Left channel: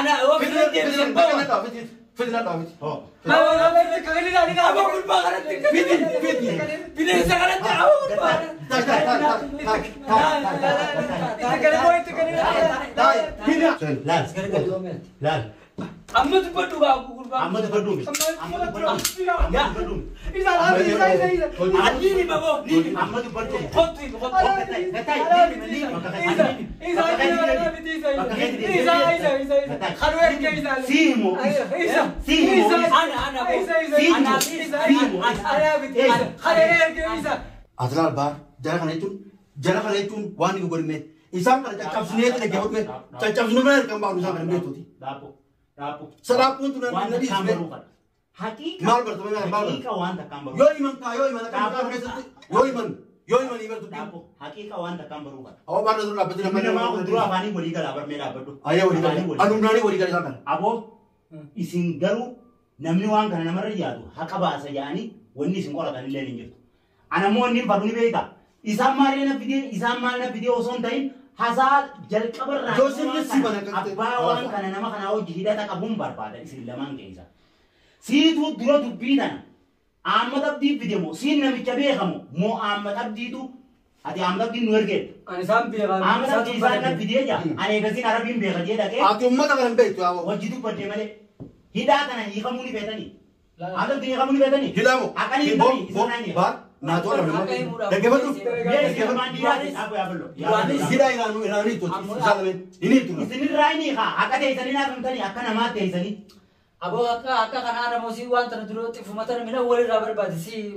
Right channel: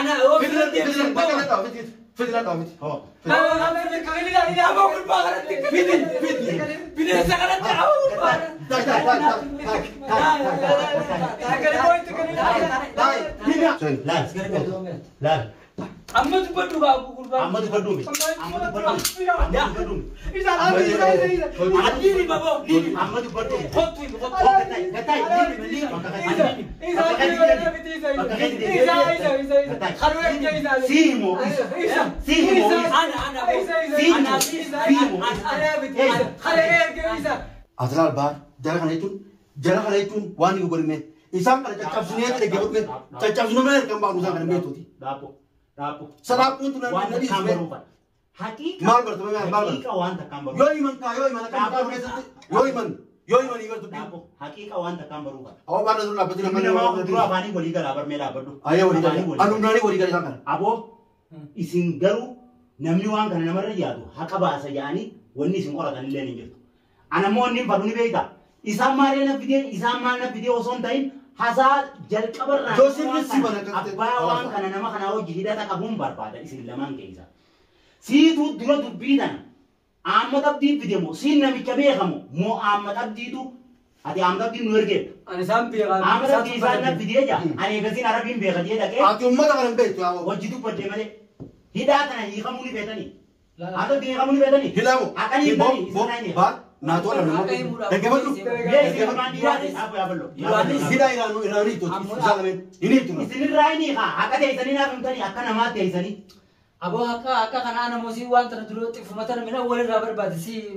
أنا هو في فيدنا داومي أنا كملي لا أبغى أقول بقى فيدنا سكرت أبغى أقول بقى لا أمد بدو بقى أقول بقى أمد بدو إذا نيني بابا نيني أمد بدو خطي أطلع البار جل خليتون واني يقول مين إنسان كذا تجاب سنيه كذا جاوب مين تجاب سنو مين كم بعض إنسان كذا مين تودي دابو سلام pun tu nanti nanti isme mal bertemu dengan mal yoi man ka yoi man ibar tu hakika wanta kambaru kan awak mana tu nak betul mana mau dulu afani boleh kalau abar mera berdu ayah boleh kalau anu nani boleh kalau kan abo isin garu namni wan kan namar yadu haka ba sa yani wonni sin kola kan leni ngi ana mo ni baduni beita isa mare na video son tain hasa jal kabar ra Joseph si bana kan abba wan kan nama kana o jihida ta kabum barbada isin laman keisa si tu duro tu bidan amad abdi video mo sin na bichabe khamo mo amad abdi tu adi amad abdi nuerge أنا سام بيغا amad abdi sa na video ja ane gazin arabin be gadiya da ke Ati umma tak akan begitu awak wajidu padde male hidata na yi khamuni betani ada di khamuni betani hilamu akan yi bani bar na tu orang mana dekat betul hida irani tu salamin ini tu isini raini ha akade isani na kamtani akana mate isani أبو هكا كان أنا موسي وان تردرو تفهمتنا من أول رابر بعد سي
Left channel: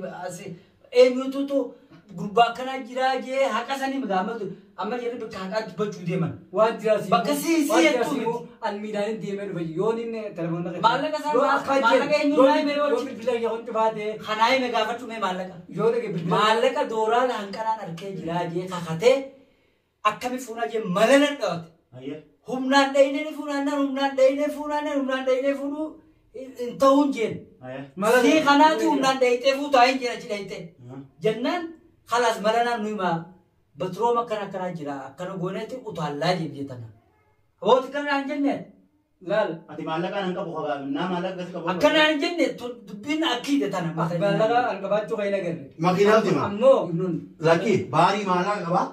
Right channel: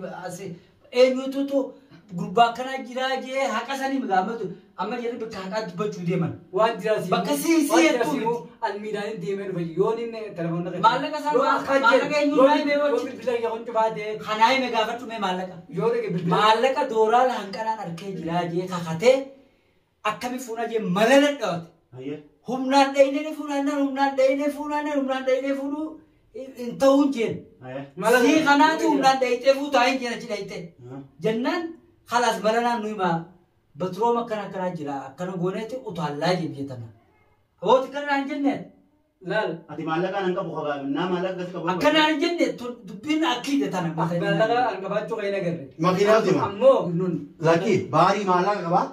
يوتو غربا كنا جراجي هكا سني مدامتو أما جري بتحقق بجو ديمان وان دراسي بكسي يتو الميدان ديمان بيوني نه تلفون نك مالك سان مالك يوني بيو بيلا يهون تبادة خناي مغافر تمه مالك مالك دورا لانكنا نركي جراجي خاخته أكمل فونا جي ملنا دوت humnan dayne humnan dayne funu intahun jen si khanati humnan dayte fu tayin jen achi dayte jannan khalas malana nuima batro makana kana jira kana gonete utalla je bietana awot kana anjenne lal ati malaka nanka bukhaga na malaka gas ka akana anjenne dubbin akide tana malaka angabacho kayna garre makina di ma ammo nun laki bari mana kaba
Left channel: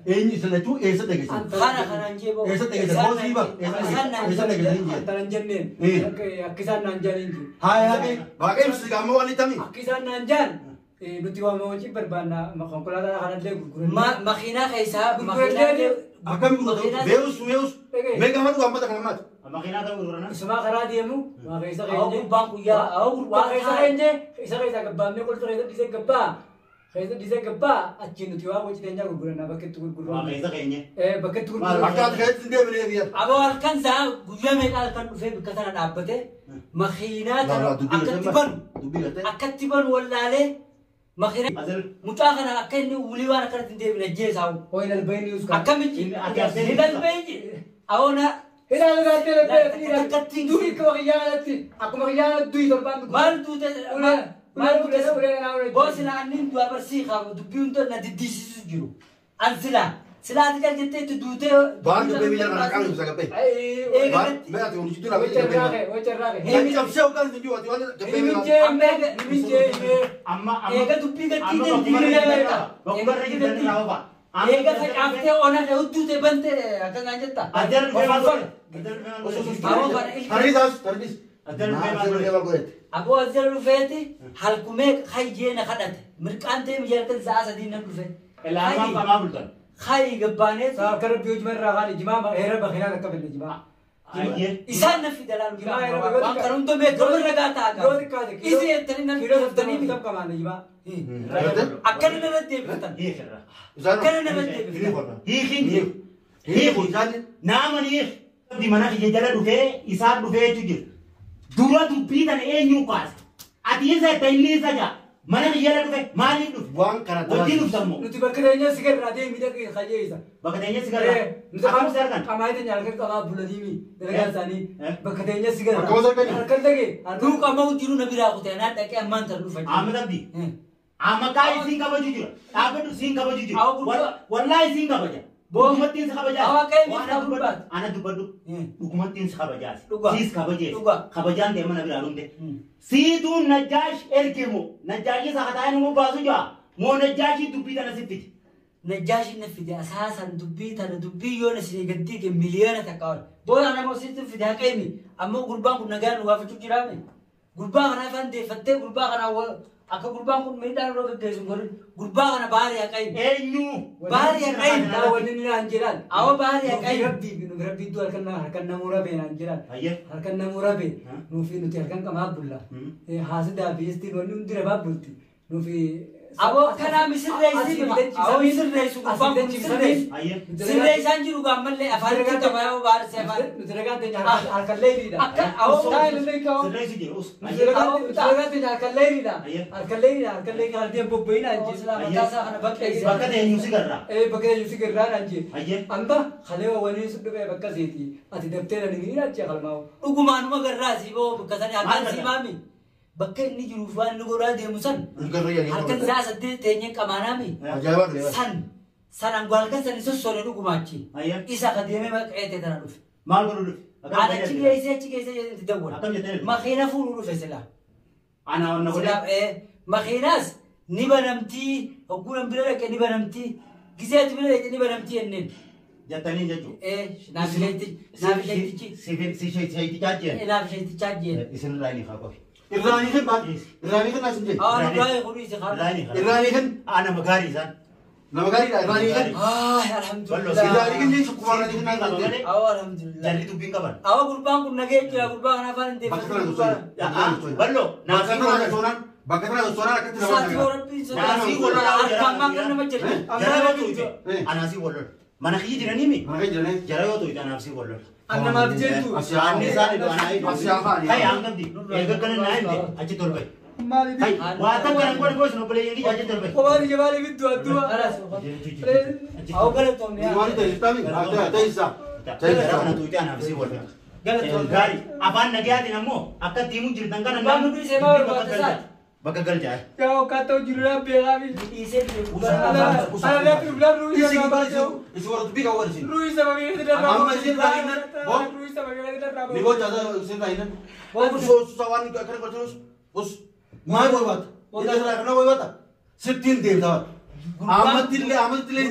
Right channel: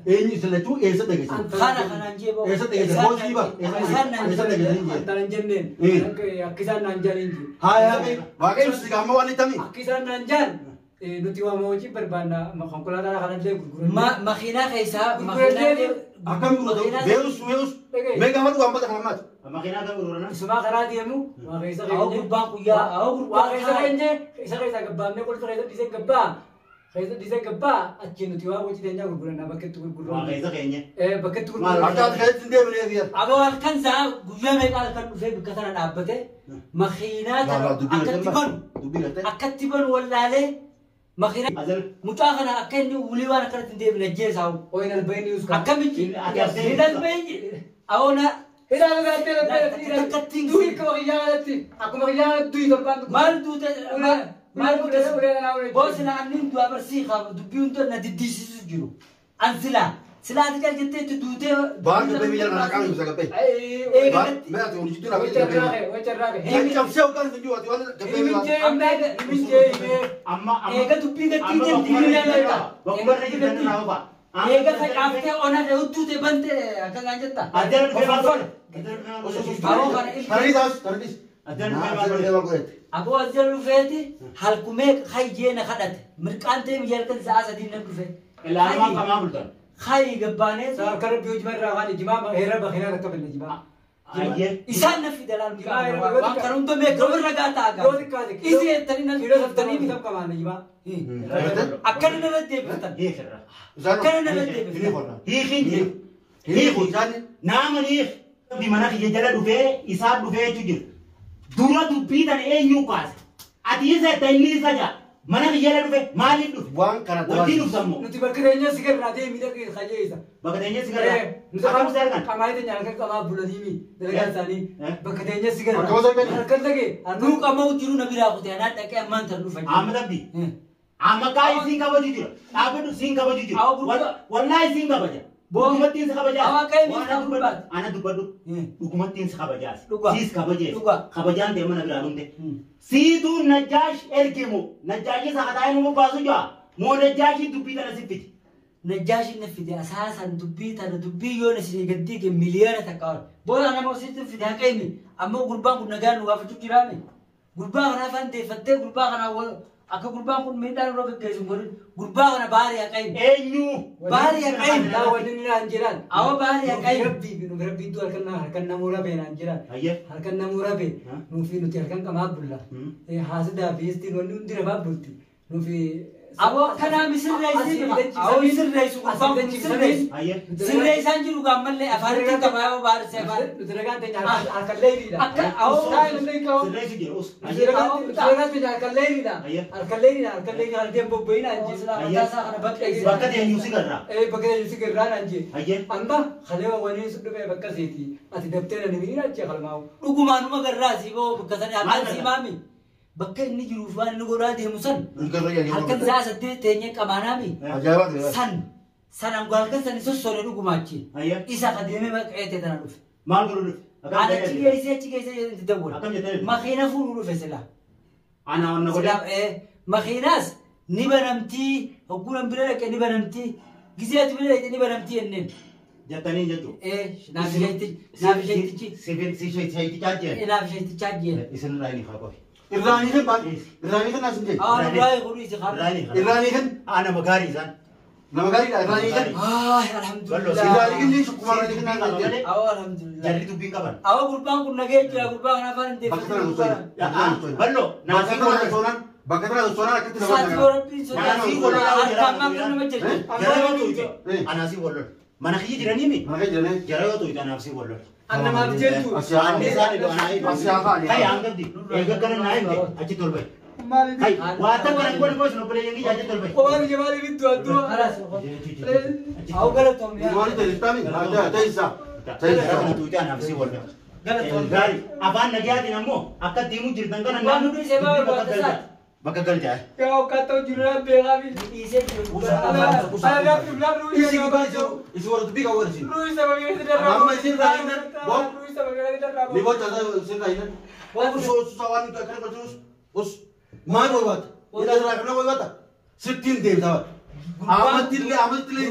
ini sudah tu esa degi khana anje bo esa degi bos iba esa degi ini taranjenne akisan nanjarinji hai hai bagai mesti kamu wali tami akisan nanjan nuti wa moji berbana makonkolada kana le gurguru makhina kaisa makhina akan guru beus mega matu ampat amat makina ka urana isma khara diemu wa kaisa kaise banku ya au wa kaisa kaise kaisa gabbanne kol kaisa dise gabba kaisa dise gabba achin nuti wa moji tenya gurguru na baket gurguru wa kaisa kaynya baket gurguru akat kaisa sinde bele dia abo kan sa guya me kan fe bikatana dabbate makhina akatiban wallale makhina mutakhana akanni uliwana kan dinde bele jesau oina albayni us akamiti idan bayni awona ila gate le dui ko giyalati akuma giyalati dui dorban mal dute mal dute bosina nin du abarsi khabu dubiunto na didisi juru anzila sila kan jette tu dute bar du bebi jana kan bisa gape bar me atu ni jitu na bebi yang jam seo kan tu atu wala gape amma ega dubbi gatti de bakubar ni dan na ba ega sai afte ona de uttu te bante akan ajetta ajar taris Abu Azhar Rufeti halkume khayjena khadat mirqante mijalkan zaasa din rufe elama kama bultan khay gabbane sar kar biyoj mer ragani jima hera bakhina ka kabel jima isan nafi dalal wa karum to me gobar lagata aga yo dikka isi tarina hero sabtani bi kab kamane jima akan ne bette betan ye khara akan ne bette hi khinje hi khujani namani di mana khije jala dufe isa dufe tujir dura tu bidan enyu kas ati isa tayli saja mana khije dufe mali dufe buang karena wajib sammo nuti bakadenya sigar rade mi dak khaje isa bakadenya sigar kamu sarkan kamai de nyalkan kama buladimi daga sani bakadenya sigar kamu sarkan kan lagi adu kamau tiru nabira ko tena take amman tarlu fa ahmad abdi amakai singa bajujir abedu singa bajujir wallahi singa baja Dhugumattiin si kabajaas. Waaqayyo isa gubbaat. Ana dubbadhu. Dhugumattiin si kabajaas. Dhugaa. Siis kabajees. Dhugaa. Kabajaan ta'e mana biraa hunde. Siituu Najjaash ergimu. Najjaashii sakataa inni baasu jaa. Moo Najjaashii dubbii tana siffiti. Najjaashi na fide asaasan dubbii tana dubbii yoo na sinii gaddiige miliyoona takka wal. Booda namaositti fide haka inni ammoo gurbaan kun nagaan nu waafitu jiraame. Gurbaa kana afaan deeffattee gurbaa kana akka gurbaan kun miidhaan irra gaggeessu godhin gurbaa kana baari haka inni. Eenyu. Baari haka inni. Laa wanni ni naan jedhan. Awa baari haka inni. Rabbiitu harkan namuura bee naan jedhan. Ayyee. Harkan namuura bee. Nuufi nuti harkan qamaa bulla. Haasidaa fi istiin wanni hundi namaaf bulti. Nuufi. Awa kana misirreessi awa misirreessu gurbaan kun misirreessu. Sirreessaan jiru gaammallee afaan itti qabayaa baarsi afaan. Nuti nagaan teenya harkan leeyriidha. Akka awa Sirreessi jedhu. Nuti nagaan teenya harkan leeyriidha. Harkan leeyriidha harkeen bobba'inaa hin jiru. mataasaa kana bakkeessi. Bakka eenyu si garraa. Bakka eenyu si garraa naan jee. Ayyee. Amba kalee waliin sun dhufee bakka seeti. Ati dabtee na nimiin achii qalmaa'u. Dhugumaanuma garraasi boo bakka sani akkaan simaami. Bakka inni jiruuf waan inni godhaa deemu san. Halkan isaa saddeet teenyee qamaanaami. San angoo halkan sani sossone dhugumaachi. Isa ka deemee maqeete tana dhufe. Maal godhu dhufe? Ana achi geessee itti dawwala. Makiina fuudhuu dhufe silaa. Ana wanna godhe. Makiinaas ni banamtii hogguun bira dhaqee ni banamtii giseeti bira dhaqee ni banamtii jenneen. Jattanii jechuun. Naaf isheetichi. Si isheetichaa jeen. Naaf isheetichaa jeen. Isin irraa inni haa qofi. Irraanii kan baay'ee. Irraanii kan nasin jedhe. Baay'ee horii isa qaba. Irraanii kan. Nama gaarii isaan. Nama gaariidha irraanii kan. Alhamdulillah. Irraanii kan ni sukkumaaranii kan naan jedhe. Alhamdulillah. Jarri dubbiin qaban. Awa gurbaan kun nagee jira gurbaa kana afaan hin Bakka tana gosoonni. Ballo. Bakka tana gosoonaan. Bakka tana gosoonaan akkatti nama jira. Anaasii wallol. Mana kiyya jiranii mi? Mana kiyya jiranii. Jara yoo ta'u anaasii wallol. Annamaaf jettu. Anni isaan iddoo anaa iddoo. Kai hangabdi. Eega kana naa himte achi tolbay. Kai waa takka hin godhe boos nobbolee jedhii achi tolbay. Waan jabaali bittu adduma. Awa galatoomne. Waan ta'e istaami. Ta'e isaa. Kana tuuti anaasii wallol. Gaarii afaan nagayaatiin ammoo akka diimuu jirtan kana Waan nuti isee baawwan baatesaa. bakka galchaa. Kau kata jiran beram ini. Isee Ada problem Ruiz. Isi warra dubbii kan warra isin. Ruiz sama dia tidak ramai. Amma isin raayinaan. Ruiz sama dia tidak ramai. Ni bocah saya isin raayinaan. Waan susah waan kana gochuus. Us maal barbaada? Ila irraa kana barbaada? Sittiin deemtaa. Amadillee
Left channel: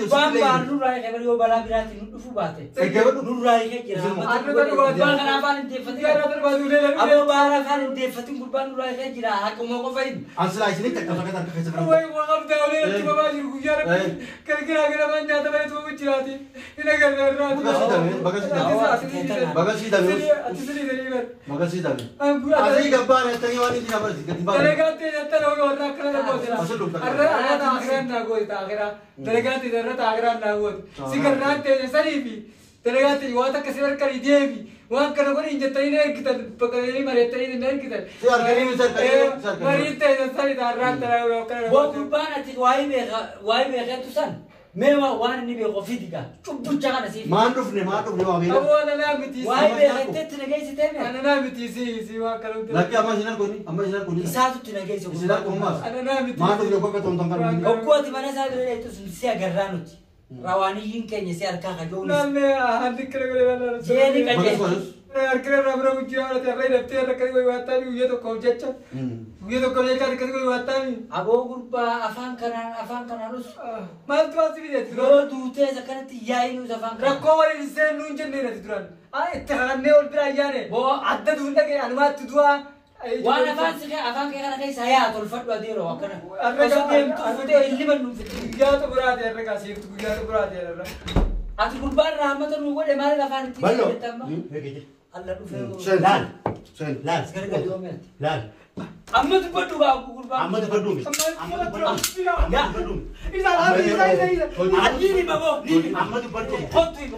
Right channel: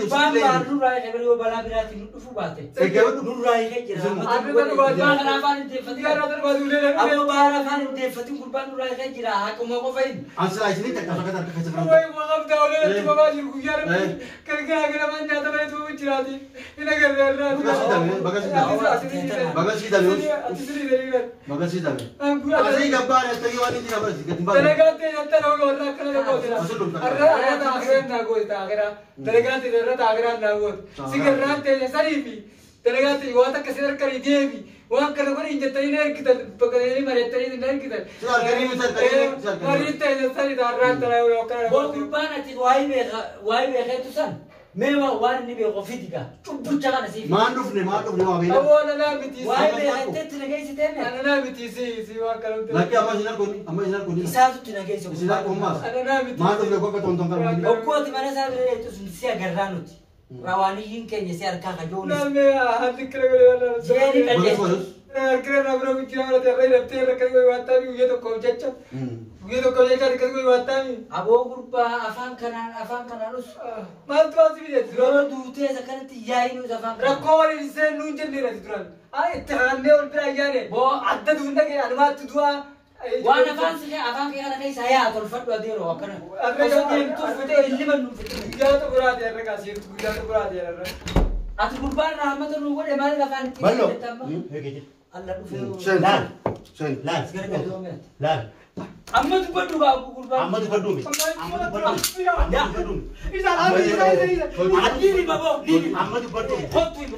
Baan baaruu raayee kan yoo balaa biraatti nu dhufu baate. Eeggatu Nu raayee jira. Baan kana afaan hin deeffatin. Amma baara afaan hin deeffatin gurbaan nu raayee jira. Akkuma qofa hin. Ansilaa isin takka takka takka keessa Woi, maaf dah oleh cuma baju gujar. Kerja mana tu mana tu bercerita. Ini kerja. Bagasi dah. Bagasi dah. Asli gambar tadi wani di nama sih. Mereka tidak tahu orang kerana betul. Ada akhiran nago itu akhiran. Mereka tidak akhiran nago. Sekarang tanya saribi. Mereka tidak wata keserar kari jebi. Wah kerana kau injek tadi naik kita pakai ini mereka tadi naik kita. Suar kari misal kari. Mereka tidak sari darat terlalu kerana. Buat gurbaan ati wai mereka tu san. Mewa wan ni bego fitika. Cukup jangan nasi. Manduf ni wah bela. Aku anak biti. Wai mereka tu nagai si tena. Anak biti si wah kalau tu. Lagi amma sinar kuni. Isa tu nagai si. Sinar kumas. Anak biti. Manduf dia kau ketonton kan. Aku ati mana saya itu sia geranut. Rawani hingkenya sia kaka jonis. Nama hati kerana. Jadi kan. Kerana berapa jam ada terlalu terlalu kerana watani uya tu kau cacat. Uya tu kau cacat kerana watani. Abo gurba afan kanan harus. Mal tu asli dia. Lo dute sekarang tiyai nu afan. Rakor ini saya nunjuk ni rasa tuan. Terang ni orang berayar. Bo ada tu unda ke anumat tu dua. Wan afan kena saya atur fatwa dia loh. Karena tu fute ini mana fute. Gaya tu berat ya mereka sih. Gaya tu berat ya. Ati gurba rahmat tu lugu demar afan. Ballo. Allah tu Sen. Sen. Lal. Sekarang dua minit. Lal. Amma tu perlu aku gurba. Amma tu perlu. Ya. Isa lagi. Ini bago. Ini. Amma tu perlu. Hotu.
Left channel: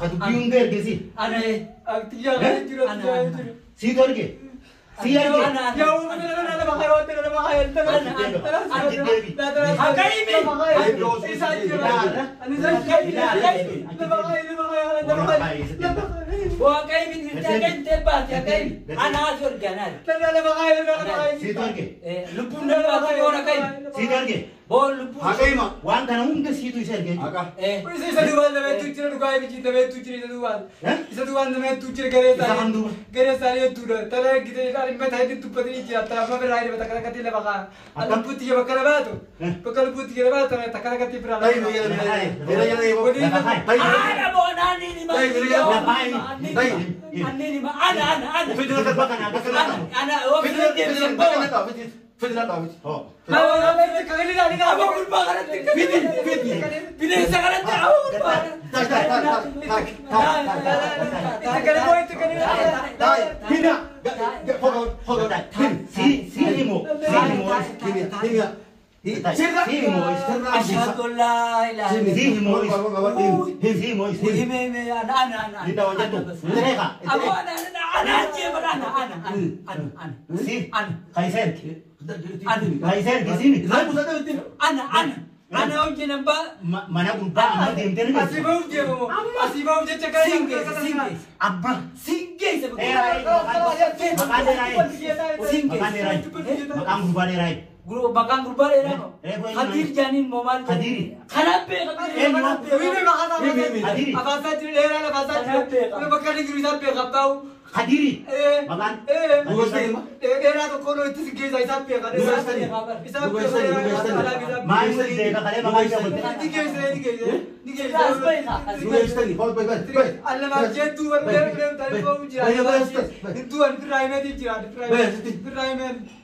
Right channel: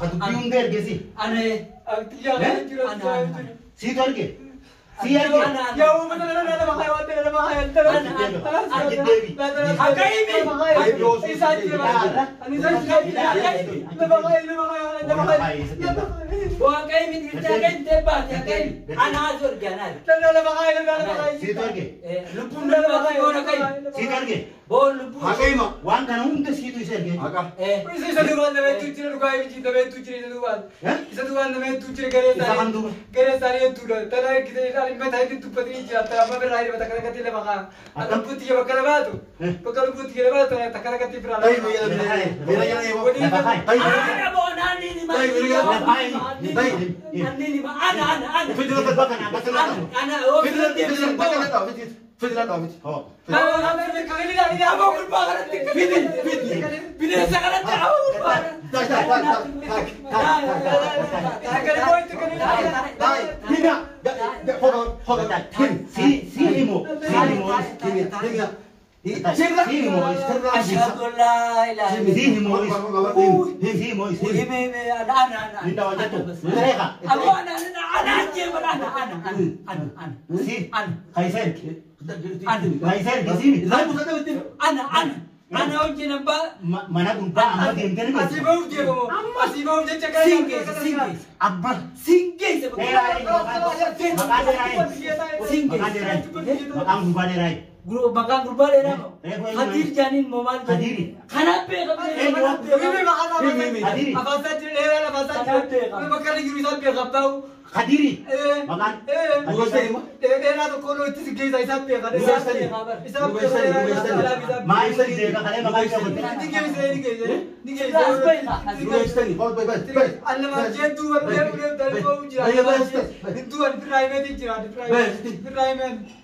Kadubbiun bergesi. Ana Aktiya kan jiro. Si torge. Si arge. Ya udah pakai hotel ada pakai hotel. Wan kana hunda situ iserge. Isa duwan na metu chire dukai bichi na metu chire duwan. Isa duwan na metu chire gere tare tu tara gide ali me thai tu pati jata ma me rai bata kala kati le baka. Alam puti ke bakala batu. Bakal puti ke batu na takara kati pra. Dai mira ya evo. ana bonani ni ma. Dai. Ani ni ma ana. Fidel ka baka na baka na. Ana o Fidel baka na ta. Fidel ta. Oh. Ana me kagli la ni abo kurba kana Bidin sa kana ta abo kurba. Takara boy takara. Hina. Hold on. Si himo. Asyhadu an la ilaha illallah. Guru makan guru balik nama. Hadir janin momal Hadiri. Kenapa? Ini makana. Hadiri. Apa saja lera apa saja. Lu bakal digiri sampai kapau. Kadiri. Makan. Lera tu kono itu segi saya sampai kan. Mais de ka kale makan ka bote. Allah macam tu orang dari kau jadi. Itu an prime di jadi prime.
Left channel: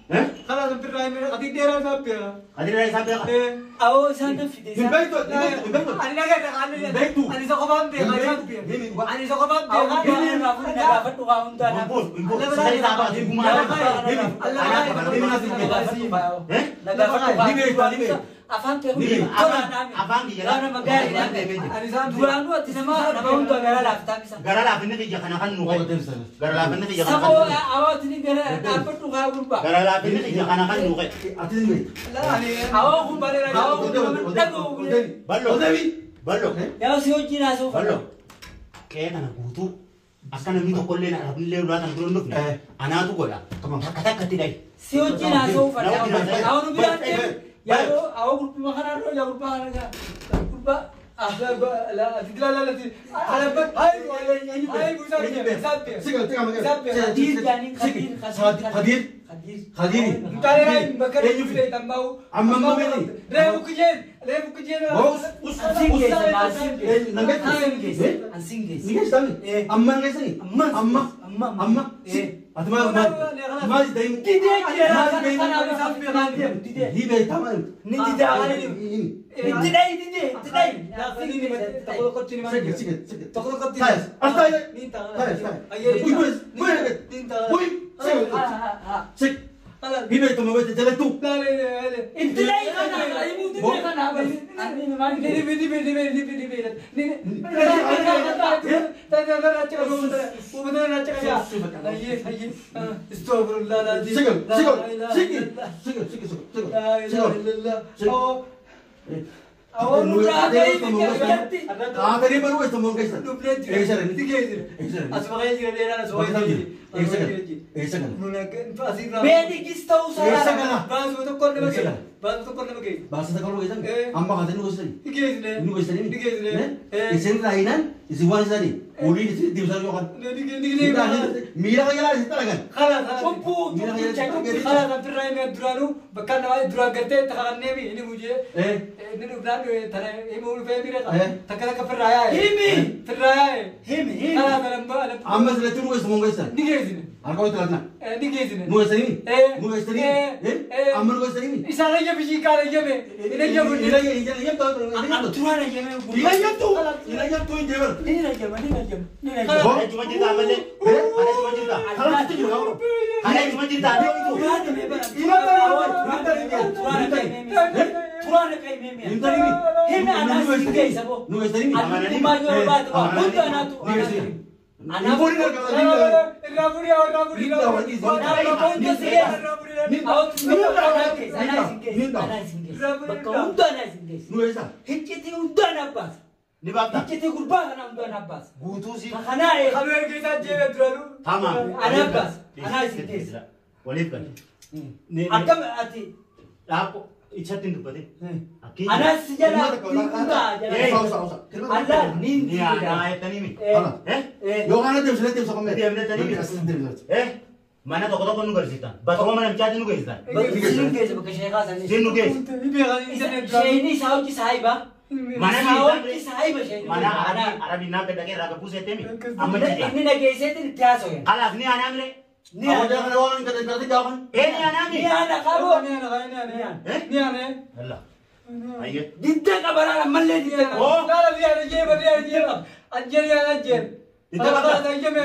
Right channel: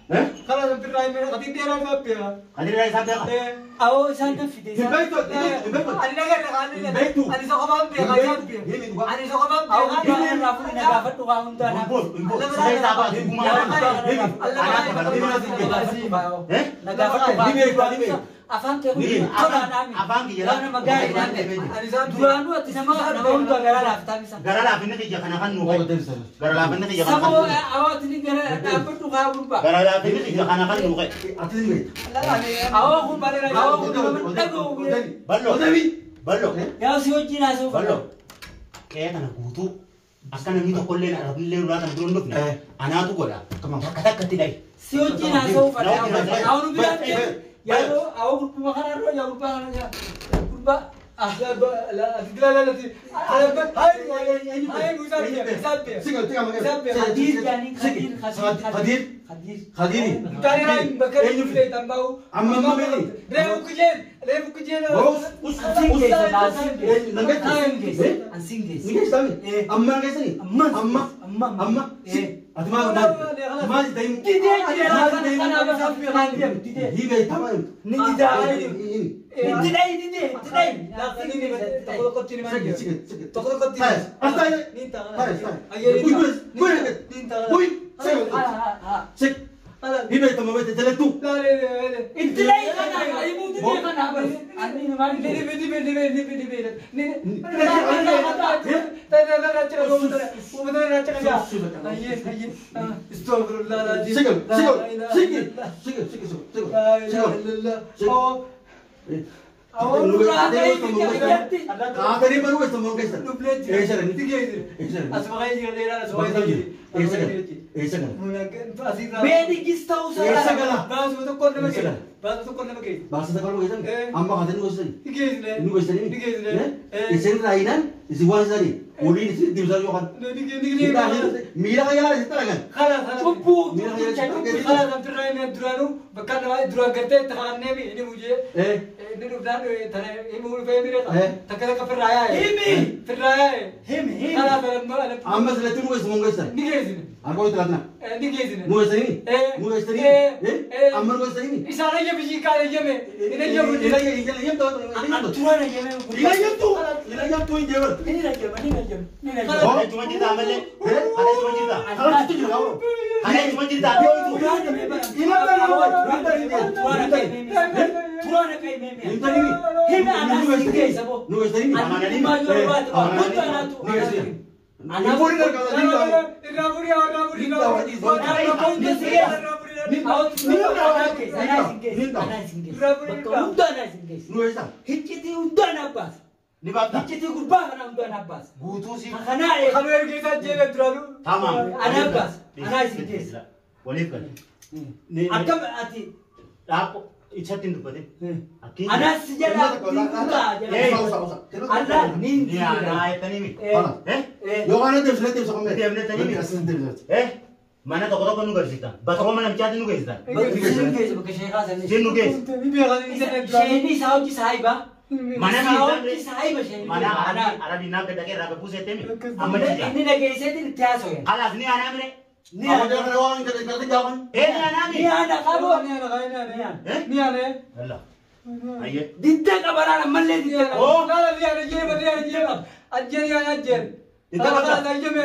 Kalau an prime adik dia orang apa ya? Kadiri rai sampai ka. Awak sangat fidel. Allah kan Allah sokaban be Ali sokaban be. Awak jangan rafu dapat tu kamu dah. Impor, sai sa ba di gumana. Afan ke hudi kora nami. Afan ki jala. Karena magay nami. Dua dua tisama namun tu gara lah tapi sama. Gara la pinne ki jakana kan nu. Gara la pinne ki jakana. Sama awak ini gara apa tu kau berubah. Gara la pinne ki jakana kan nu. Awak pun balik lagi. Awak pun tahu. Ballo. Ya si uji nasu. Ballo. Kaya kana kutu. Asana ni to kolle na rabille ru atan dulu ndok. Ana tu goda. Kamang kata kati dai. Si uji nasu. Awak nu bilang ya awak berubah makanan lo, ya berubah makanan. Berubah. لا Hina itu mau jalan tu. Intilai kan, ibu tu kan apa? Ani memang Amma zile tu nuwe sumonga isa. Aku itu lagi. Ini gini. Nulis ini. Nulis ini. Amal nulis ini. Isana aja biji kali aja me. Ini aja biji. Ini tuh. Aturan aja memang. Ini tuh yang jawab. Ini aja, ini aja. Ada cuma cerita apa sih? Ada cuma cerita. Kalau itu juga kamu. Ada cuma cerita. Dia itu. Turan kayak meme. Minta ini. Hina anak singgih sabo. Nulis ini. Anak ini maju buat. Untuk anak tu. Anak pun nak kalau dia. Raburi. Nulis tak? Hiciti udah nabas. Di bawah. Hiciti kurban karena udah nabas. Butuh sih. Karena Kami harus kita jaga terlalu. Tamam. Anak bas. Anak singgih. Walid kan. Akam ati. Aku ichatin tu pade. Aki. Anak sejarah. Allah nin. Ni anak ayat tani mi. Yo kan dia sudah tiap sama. Dia benar tani mi. Mana toko nu garisita. Batro mana mchati nu garisita. Singgih sebagai syekh sana. Sin nu gais. Ini sahaja sahiba. Mana ni Sahaja sahiba syekh. Mana Arabi na beda ke raga puse temi. Amma dia. Ini lagi saya tu क्या soalnya? Kalas ni anak mi. Ni Awak ada. jangan orang kata jawab. Ni anak mi. Ni ada kamu. Ni ada. Allah. Ayo. Dinda kabaran malle dinda. Oh, nada dia ada je. Ajar ya ajar. Dinda Ajar aja me